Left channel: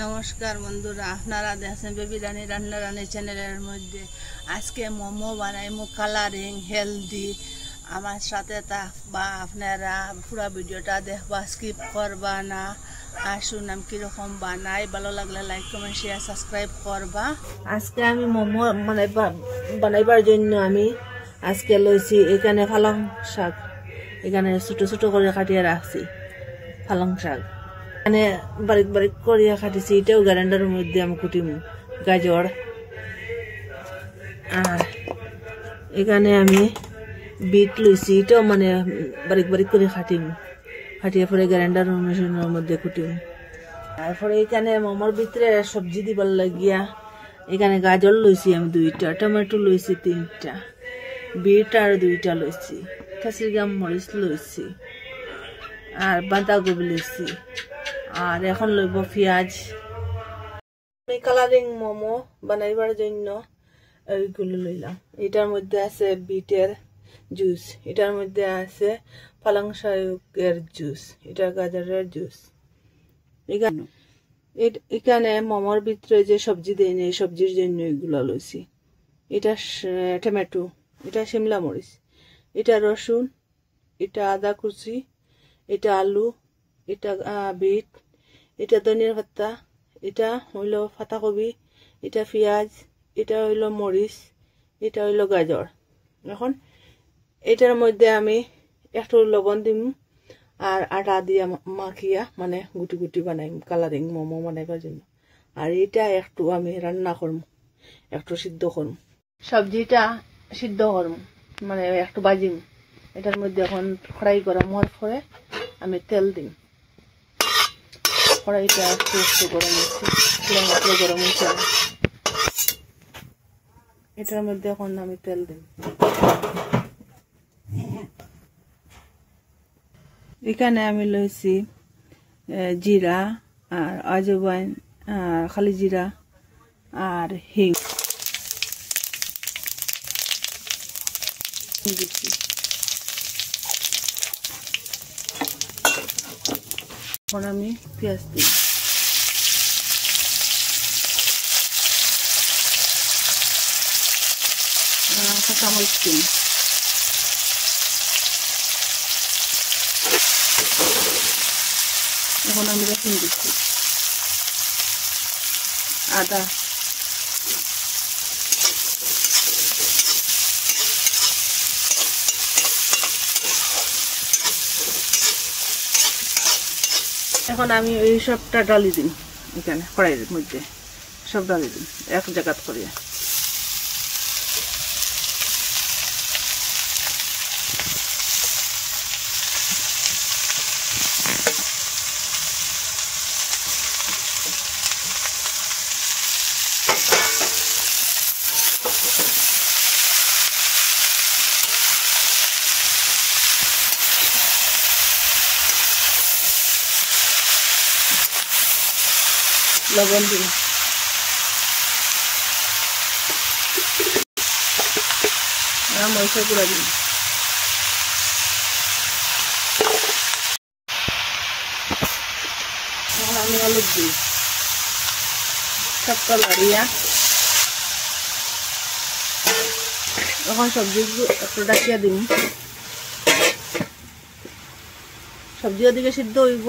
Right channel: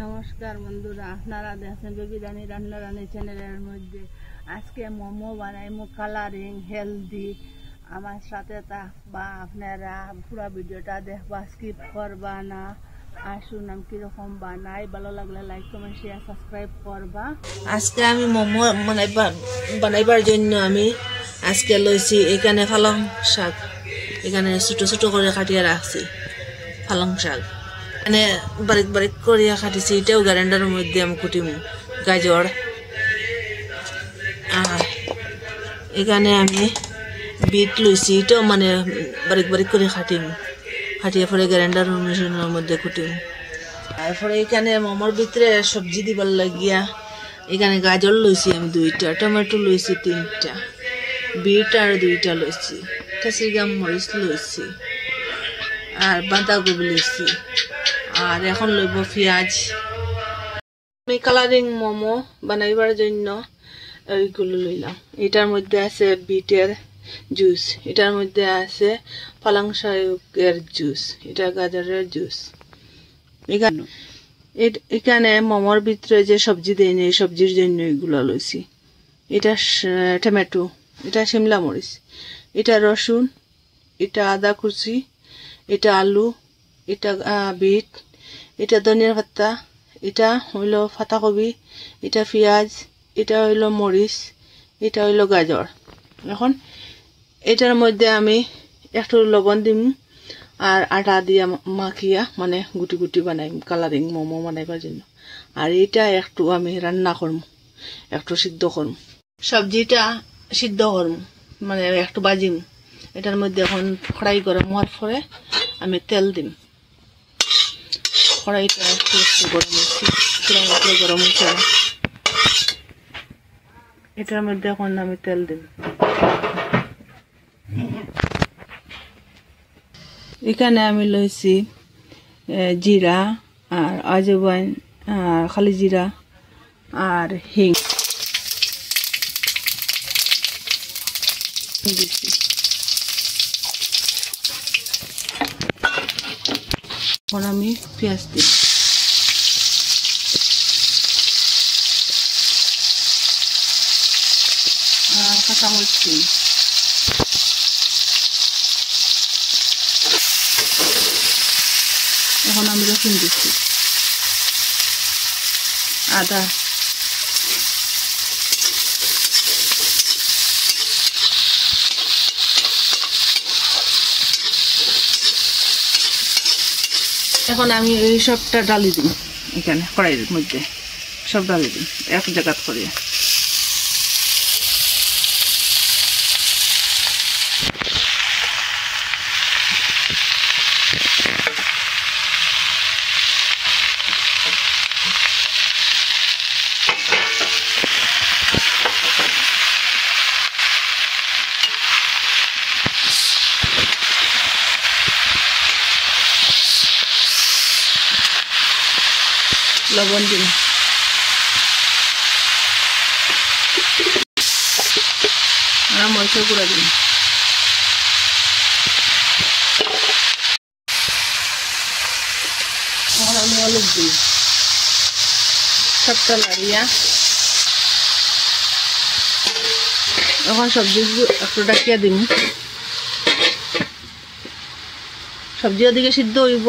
নমস্কার বন্ধুরা, আপনারা দেখছেন বেবি রানী রান্না রানী চ্যানেলের মধ্যে। আজকে মোমো বানাইমু কালারিং হেলদি। আমার সাথে থাকবা, আপনারা পুরো ভিডিওটা দেখবা, স্কিপ করবা না। আসুন আমি কীরকম বানাই, ভালো লাগলে লাইক কমেন্ট শেয়ার সাবস্ক্রাইব করবা। আজকে আমি মোমো বানাইবার জন্য আমি আজকে লইছি এখানে পালং শাক, এখানে ছোটো ছোটো করে কাটিয়ে রাখছি পালং শাক, মানে বারিক বারিক করিয়া কাটিছি। এটাও গ্রাইন্ডারের মধ্যে আমি কুটিমু। গাজর, আর এখানে আমি বিট লইছি, এটাও মানে বারিক বারিক করে কাটিয়ে পরে গ্রাইন্ডার মেশিনের মধ্যে কুটিমু। তারপরে এখানে মোমোর ভিতরে সবজি দিবার লাগিয়া এখানে গাজর লইছি আমি 2টা, টমেটো লইছি 3টা, বিট আর 2টা লইছি, ক্যাপসিকাম মরিচ লইছি, আর বাঁধাকপি লইছি, আর এখন লইব পেঁয়াজ। আমি কালারিং মোমো বানাইবার জন্য এইগুলো লইলাম। এটার মধ্যে আছে বিটের জুস, এটার মধ্যে আছে পালং শাকের জুস, এটা গাজরের জুস। এখানে মোমোর ভিতরে যে সবজি দেয় এই সবজির জন্য এগুলো লইছি। এটা টমেটো, এটা শিমলা মরিচ, এটা রসুন, এটা আদা কুচি, এটা আলু, এটা বিট, এটা ধনিয়া পাতা, এটা হইল পাতাকপি, এটা পেঁয়াজ, এটা হইল মরিচ, এটা হইল গাজর। এখন এটার মধ্যে আমি একটু লবণ দিম আর আটা দিয়া মাখিয়া মানে গুটি গুটি বানাই কালারিং মোমো বানাইবার জন্য। আর এটা একটু আমি রান্না করম, একটু সিদ্ধ করম, সবজিটা সিদ্ধ করম, মানে একটু বাজিম। এটার মধ্যে এখন ফ্রাই গরম হওয়ার পরে আমি তেল দিম। কড়াইটা একটু একটু গরম হচ্ছে, গরম হচ্ছে। এটার মধ্যে এখন আমি তেল দিম। এখানে আমি লইছি জিরা আর আজওয়াইন আর খালি জিরা আর হিং দিচ্ছি। এখন আমি পেঁয়াজ দিই, কাঁচামরিচ দিই, এখন আমি রসুন দিচ্ছি, আদা, এখন আমি এই সবটা ডালি দিই এখানে কড়াইয়ের মধ্যে, সব ডালি দিই এক জায়গা করে। লবণ দিন, মরিচের গুঁড়া দিন, আমি হলুদ দিই, সবটা লাড়িয়া এখন সবজি একটু ডাকিয়া দিন। সবজি ওদিকে সিদ্ধ হইব।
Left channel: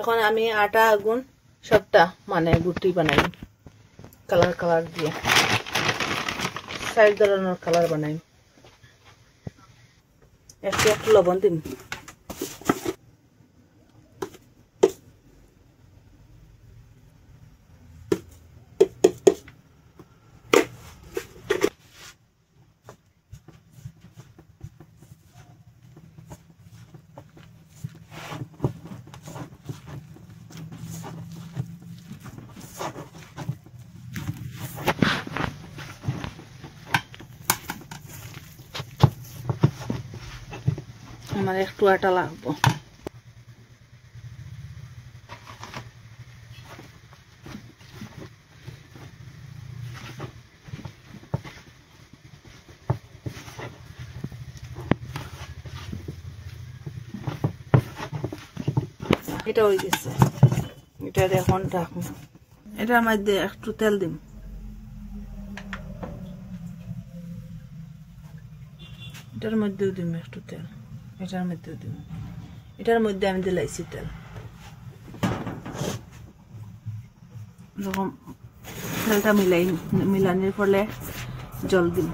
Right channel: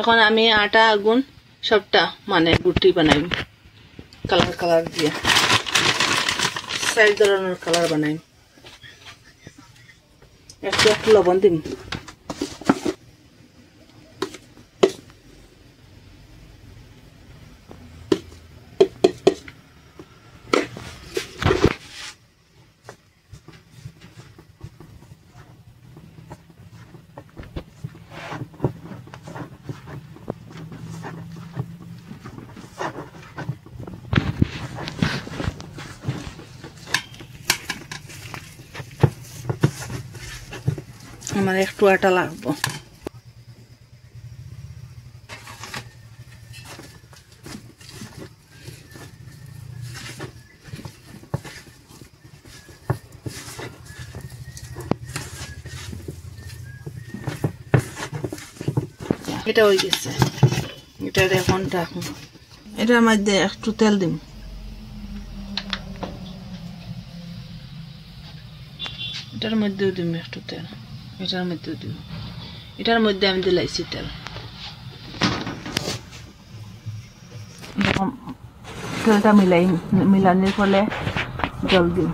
এখন আমি আটা আগুন সবটা মানে গুটি বানাই, কালার কালার দিয়ে 4 ধরনের কালার বানাই। একটু একটু লবণ দিন, আমার একটু আটা লাগবো। এটা হয়ে গেছে। এটার এখন রাখুন। এটার মধ্যে একটু তেল দিন। এটার মধ্যেও দিম একটু তেল। এটার মধ্যেও দিব। এটার মধ্যে আমি দিলাইছি তেল। এরকম তেলটা মিলানির ফলে জল দিন।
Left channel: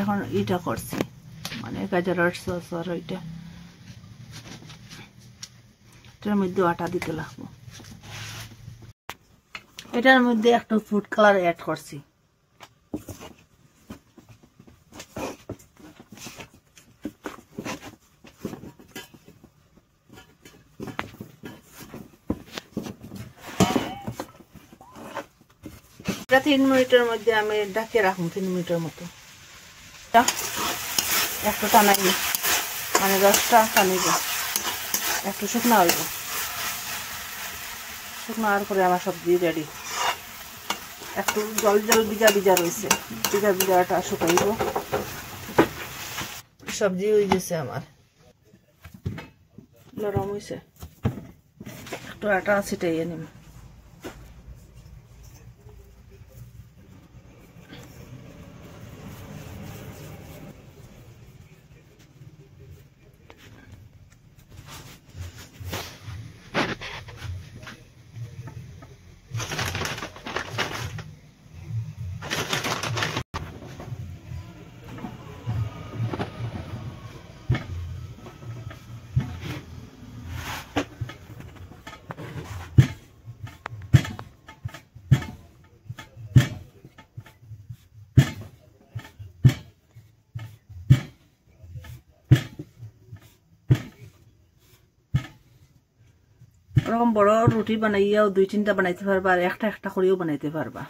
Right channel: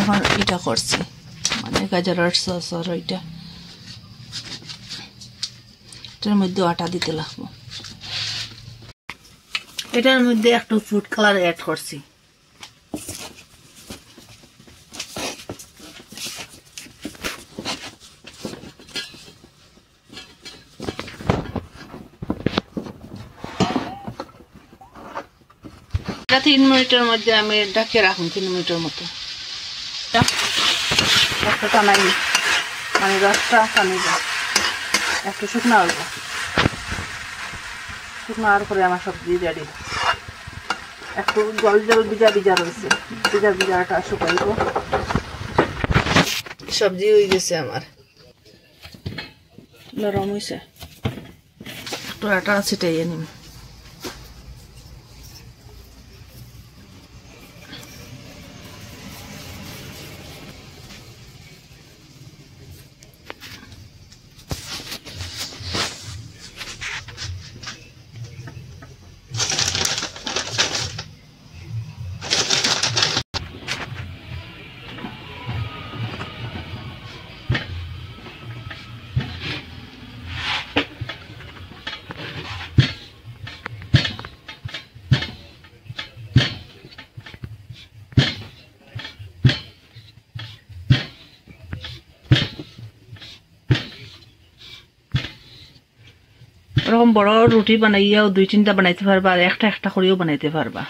এখন এটা করছি মানে গাজরের সস আর ওইটা এটার মধ্যে আটা দিতে লাগবো। এটার মধ্যে একটু ফুড কালার অ্যাড করছি। এটা 3 মিনিটের মধ্যে আমি ঢাকে রাখুন 3 মিনিটের মতো। একটু টানাই মানে রসটা টানিব একটু শুকনো হইব। শুকনো হওয়ার পরে আমার সবজি রেডি। একটু জল জল ভিজা ভিজা রয়েছে, ভিজা ভিজাটা শুকাইব। সবজি হয়ে গেছে আমার, নরম হয়েছে। একটু আটা ছিটাইয়ে নিম। এরকম বড় রুটি বানাইয়াও 2-3টা বানাইতে পারবা, আর একটা একটা করেও বানাইতে পারবা।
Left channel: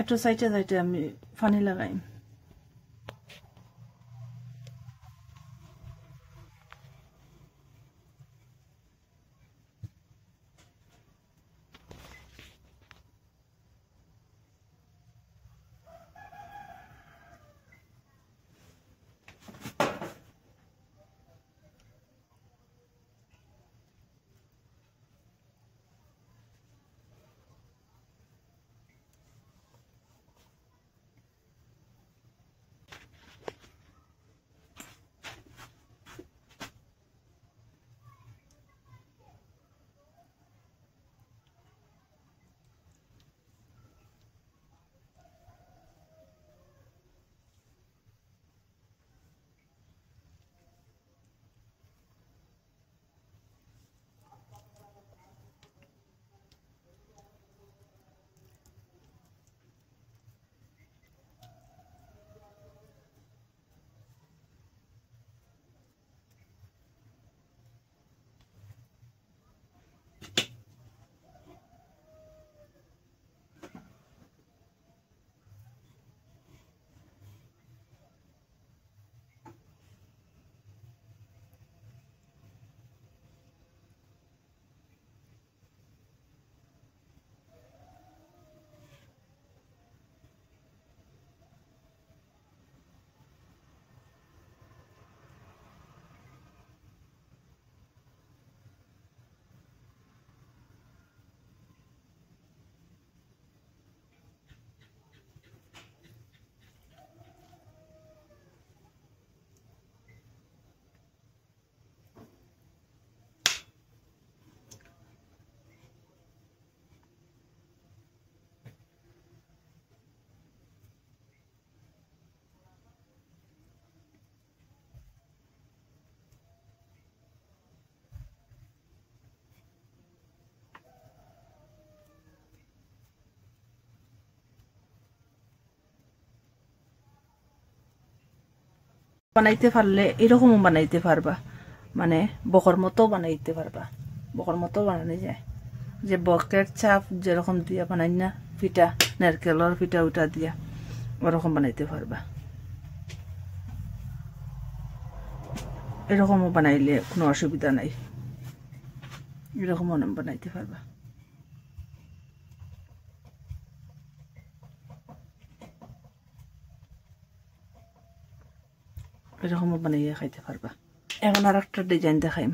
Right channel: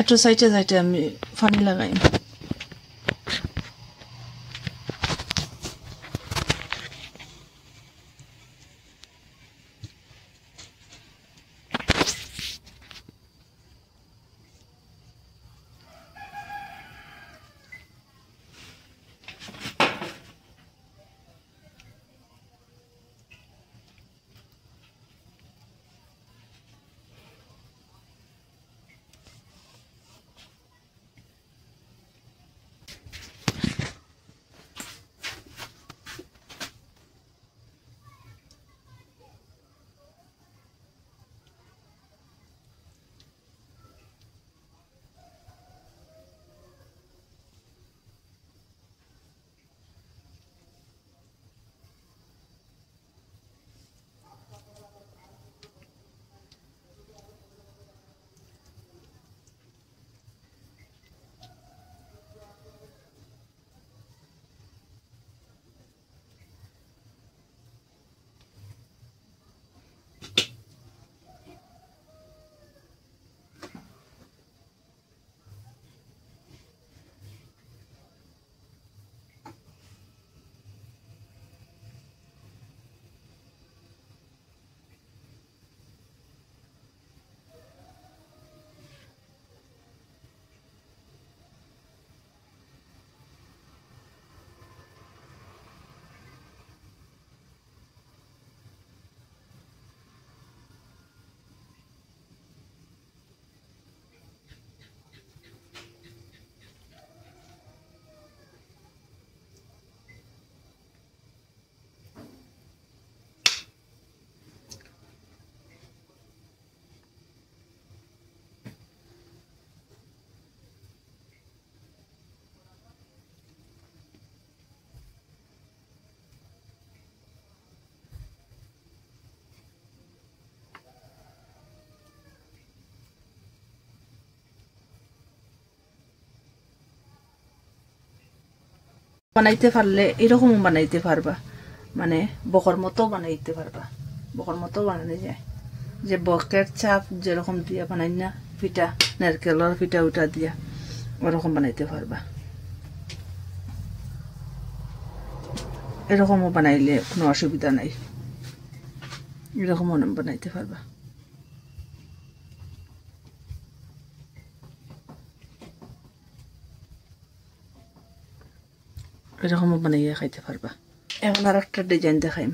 একটু সাইডে সাইডে আমি পানি লাগাই। বানাইতে পারলে এরকমও বানাইতে পারবা, মানে বকর মতো বানাইতে পারবা। বকর মতো বানানো যায়, যে বকের চাপ যেরকম দিয়া বানাই না পিঠা, নারকেলের পিঠা উঠা দিয়া ওরকম বানাইতে পারবা। এরকমও বানাইলে কোনো অসুবিধা নাই, এরকমও বানাইতে পারবা। এরকমও বানাইয়া খাইতে পারবা। এখন আর একটা ডিজাইন দেখাইম।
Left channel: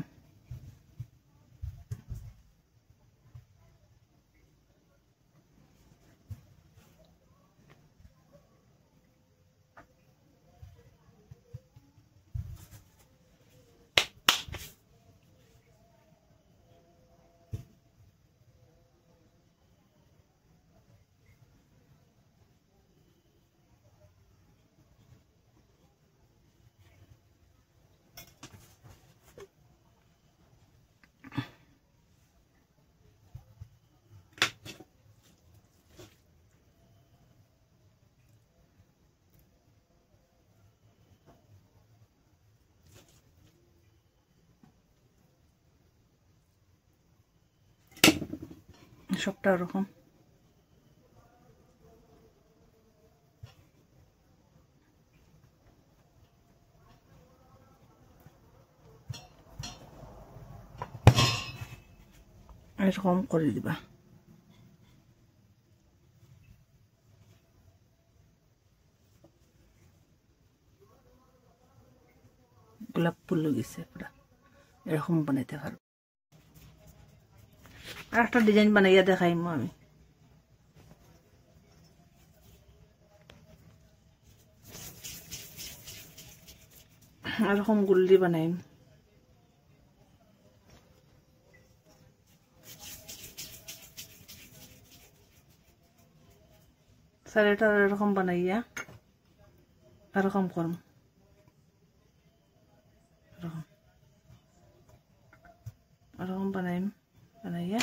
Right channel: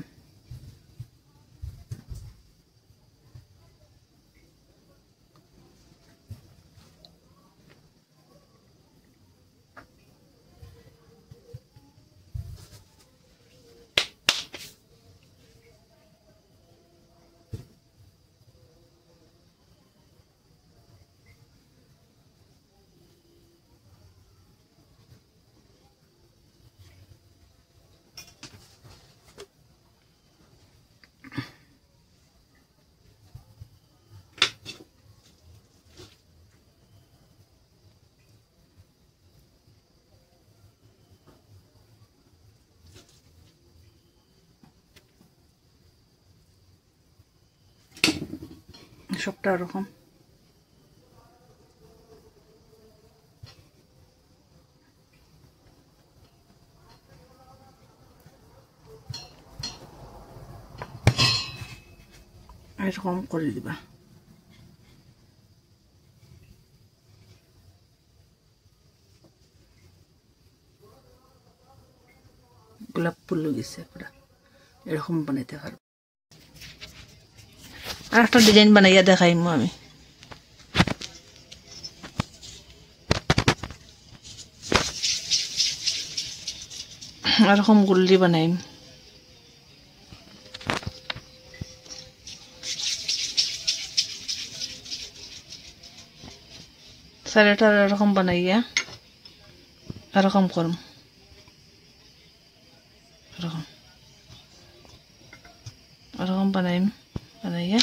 সবটা ওরকম। এরকম করে দিবা। গোলাপ ফুল গেছে পুরা, এরকম বানাইতে পারবো। আর একটা ডিজাইন বানাইয়া দেখাইম আমি। এরকম গুল্লি বানাইম। সাইডটা এরকম বানাইয়া এরকম করম, এরকম এরকম বানাইম। বানাইয়া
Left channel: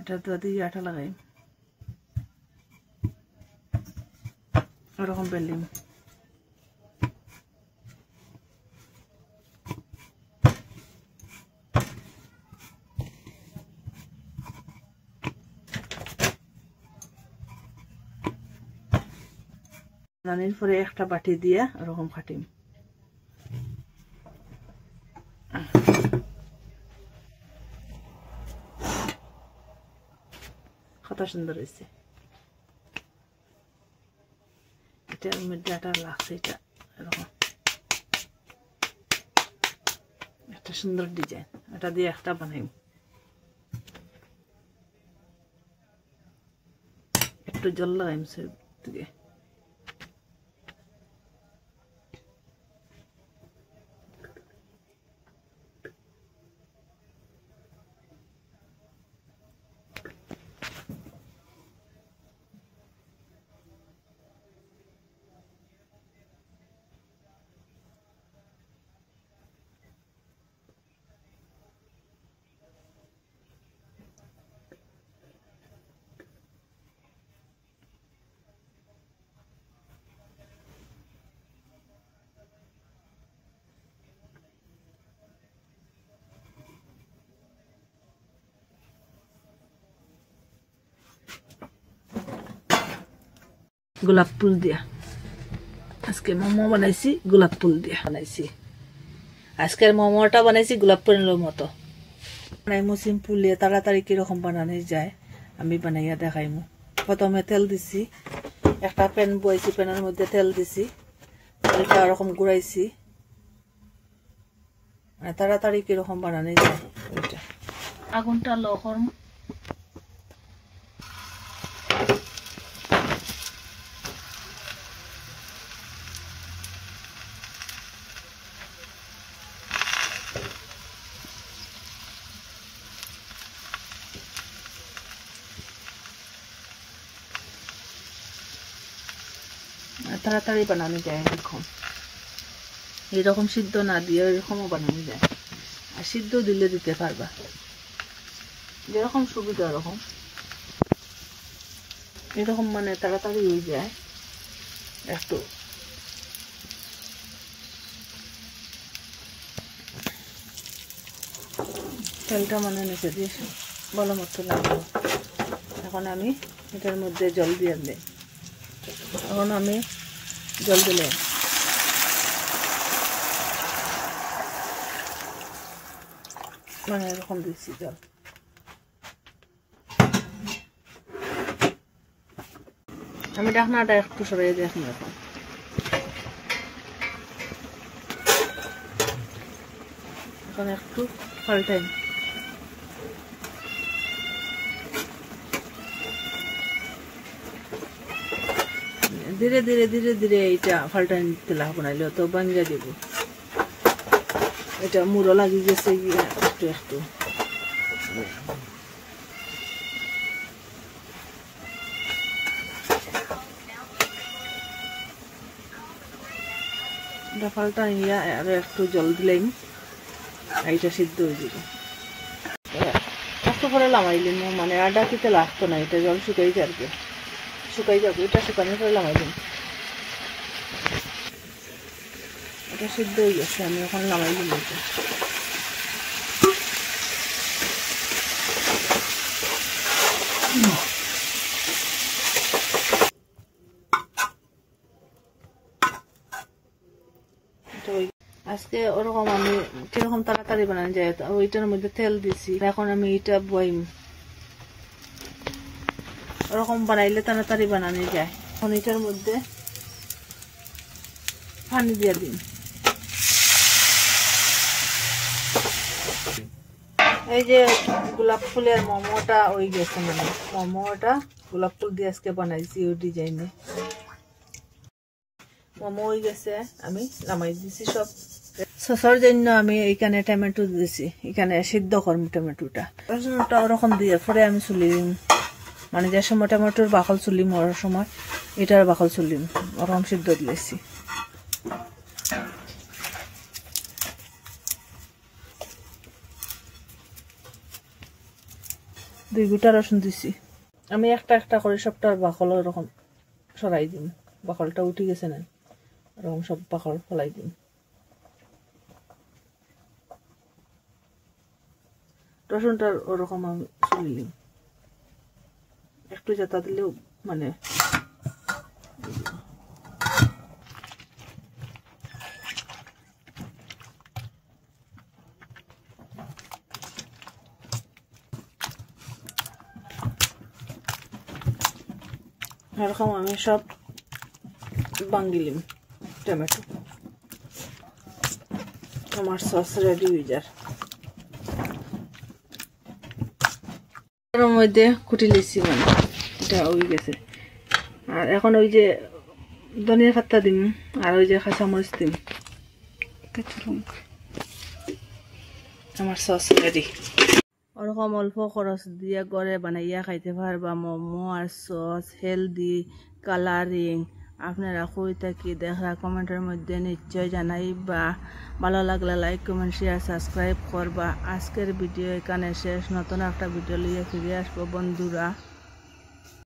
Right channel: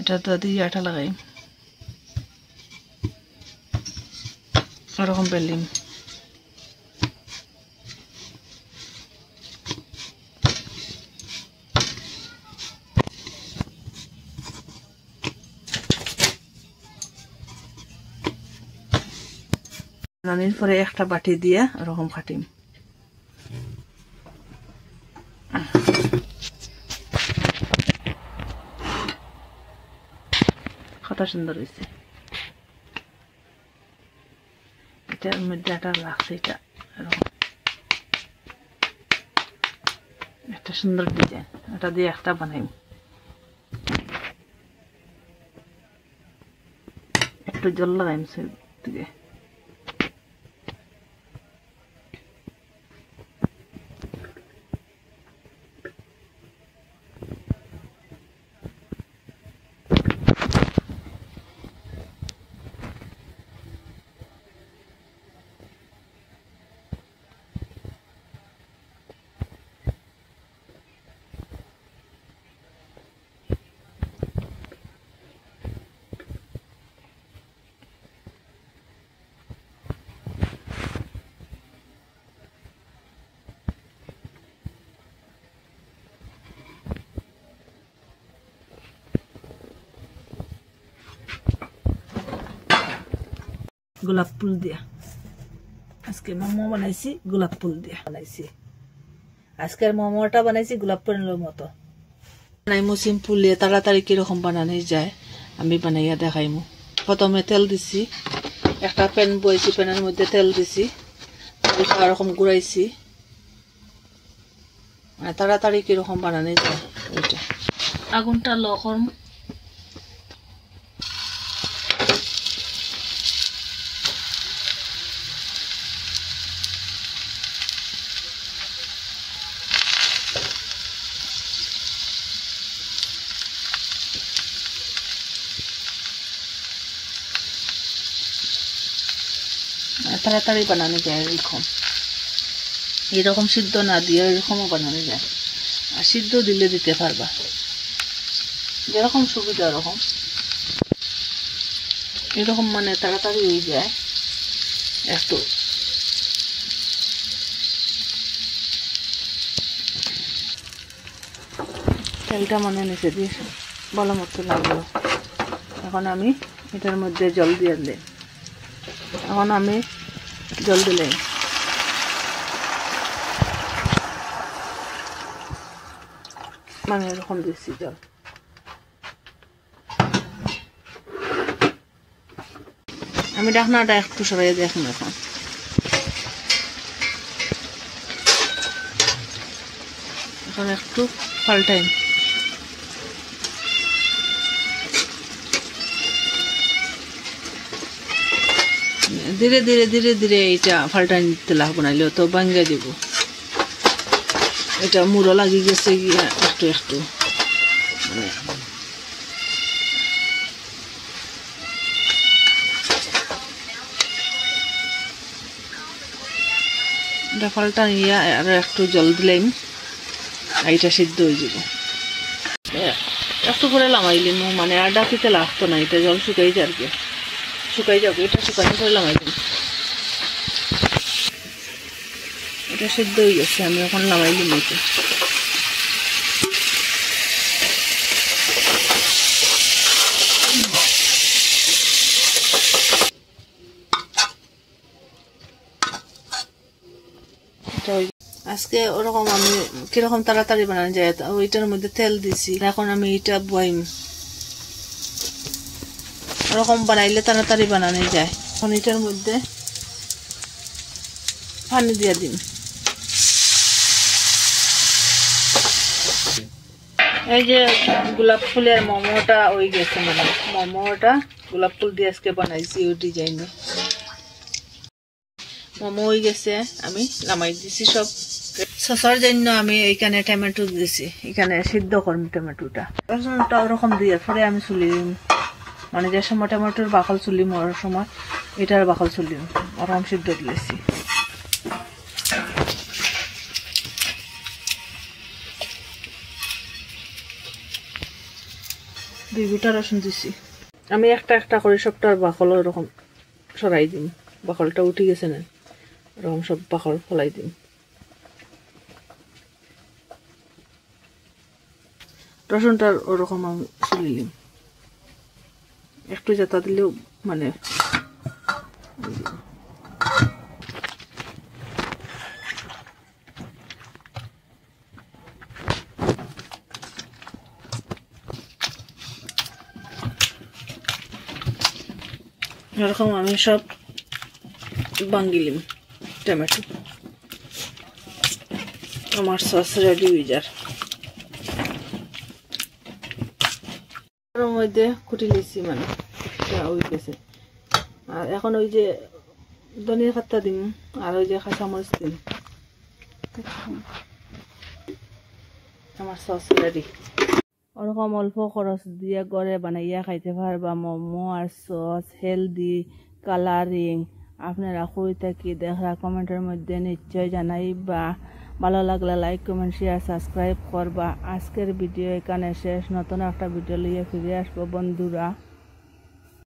এটা তো দিয়ে আঠা লাগাইম, এরকম বেলিম। রানির পরে একটা বাটি দিয়া এরকম কাটিম। কত সুন্দর হয়েছে। এটার মধ্যে একটা লাগছে, এটা এরকম একটা সুন্দর ডিজাইন। এটা দিয়ে একটা বানাইম। একটু জল লাগাইম সে দিকে। গোলাপ ফুল দিয়া আজকে মোমো বানাইছি, গোলাপ ফুল দিয়া বানাইছি। আজকের মোমোটা বানাইছি গোলাপ ফুলের মতো বানাইমু। সিম্পল তাড়াতাড়ি কিরকম বানানো যায় আমি বানাইয়া দেখাইমু। প্রথমে তেল দিছি, একটা প্যান বইছি, প্যানের মধ্যে তেল দিছি, এটা এরকম ঘুরাইছি। তাড়াতাড়ি কিরকম বানানো যায় ওইটা। আগুনটা লো করম। তাড়াতাড়ি বানানো যায় এরকম। এরকম সিদ্ধ না দিয়ে এরকমও বানানো যায়। আর সিদ্ধ দিলে দিতে পারবা, যেরকম সুবিধা ওরকম। এরকম মানে তাড়াতাড়ি হয়ে যায়। একটু তেলটা মনে নিচে দিয়ে ভালো মতো লাগলো। এখন আমি এটার মধ্যে জল দিয়ে দিই। এখন আমি জল দিলাম, মানে এরকম দিচ্ছি জল। আমি ঢাকনাটা একটু সরাই দেখুন। এখন একটু পাল্টাই, ধীরে ধীরে ধীরে ধীরে এটা পাল্টাই নিতে লাগবো, নাইলে তো ভাঙ্গা দেব। এটা মুড়ো লাগি গেছে গিয়া একটু একটু। এটা পাল্টা নিয়ে আর একটু জল দিলাম, এটা সিদ্ধ হয়ে যাব। একটু করে লামাইলিম, মানে আর ডাকিতে লাগতো না, এটা জল শুকাই যাবে, শুকাই যাবে। এটা শুকানো করে লামাইলিম, এটা সিদ্ধ হয়ে গেছে। আমি এখন লামাইলিম এটা। আজকে ওরকম আমি কিরকম তাড়াতাড়ি বানানো যায়, ওইটার মধ্যে তেল দিছি। এখন আমি এটা বইম, ওরকম বানাইলে তাড়াতাড়ি বানানো যায়। এখন এটার মধ্যে পানি দিয়ে দিন। এই যে গোলাপ ফুলের মোমোটা হয়ে গেছে, মানে মোমোটা গোলাপ ফুল দিয়ে আজকে বানাইছি ওই ডিজাইনে। মোমো হয়ে গেছে, আমি নামাই দিছি সব। সসের জন্য আমি এখানে টমেটো দিছি, এখানে সিদ্ধ করবো টমেটোটা। রসুনটা ওরকম দিয়ে পরে আমি চুলিম, মানে যে সময় টমেটোর বাকল চুলি মরার সময় এটার বাকল চুলিম, ওরকম সিদ্ধ দিয়েছি। দুই গোটা রসুন দিছি আমি, একটা একটা করে সবটার বাকল ওরকম সরাই দিম। বাকলটা উঠে গেছে না, ওরকম সব বাকল ফলাই দিম। রসুনটার ওরকম আমি চুলিলিম, একটু জেতা দিলেও মানে এরকম আমি সব বাঙ্গিলিম টমেটো। আমার সস রেডি হয়ে যার। ওর মধ্যে কুটি লিছি, মানে এটা হয়ে গেছে। আর এখন ওই যে ধনিয়া পাতা দিম, আর ওই যে কাঁচামরিচ দিম। আমার সস রেডি। ওরকম অল্প খরচ দিয়ে ঘরে বানাইয়া খাইতে পারবা মোমো আর সস, হেলদি, কালারিং। আপনারা কই থাকি দেখা কমেন্টের মধ্যে নিশ্চয় জানাইবা। ভালো লাগলে লাইক, কমেন্ট, শেয়ার, সাবস্ক্রাইব করবা। আজকের ভিডিও এখানে শেষ। নতুন একটা ভিডিও নিয়ে ফিরে আসবো বন্ধুরা।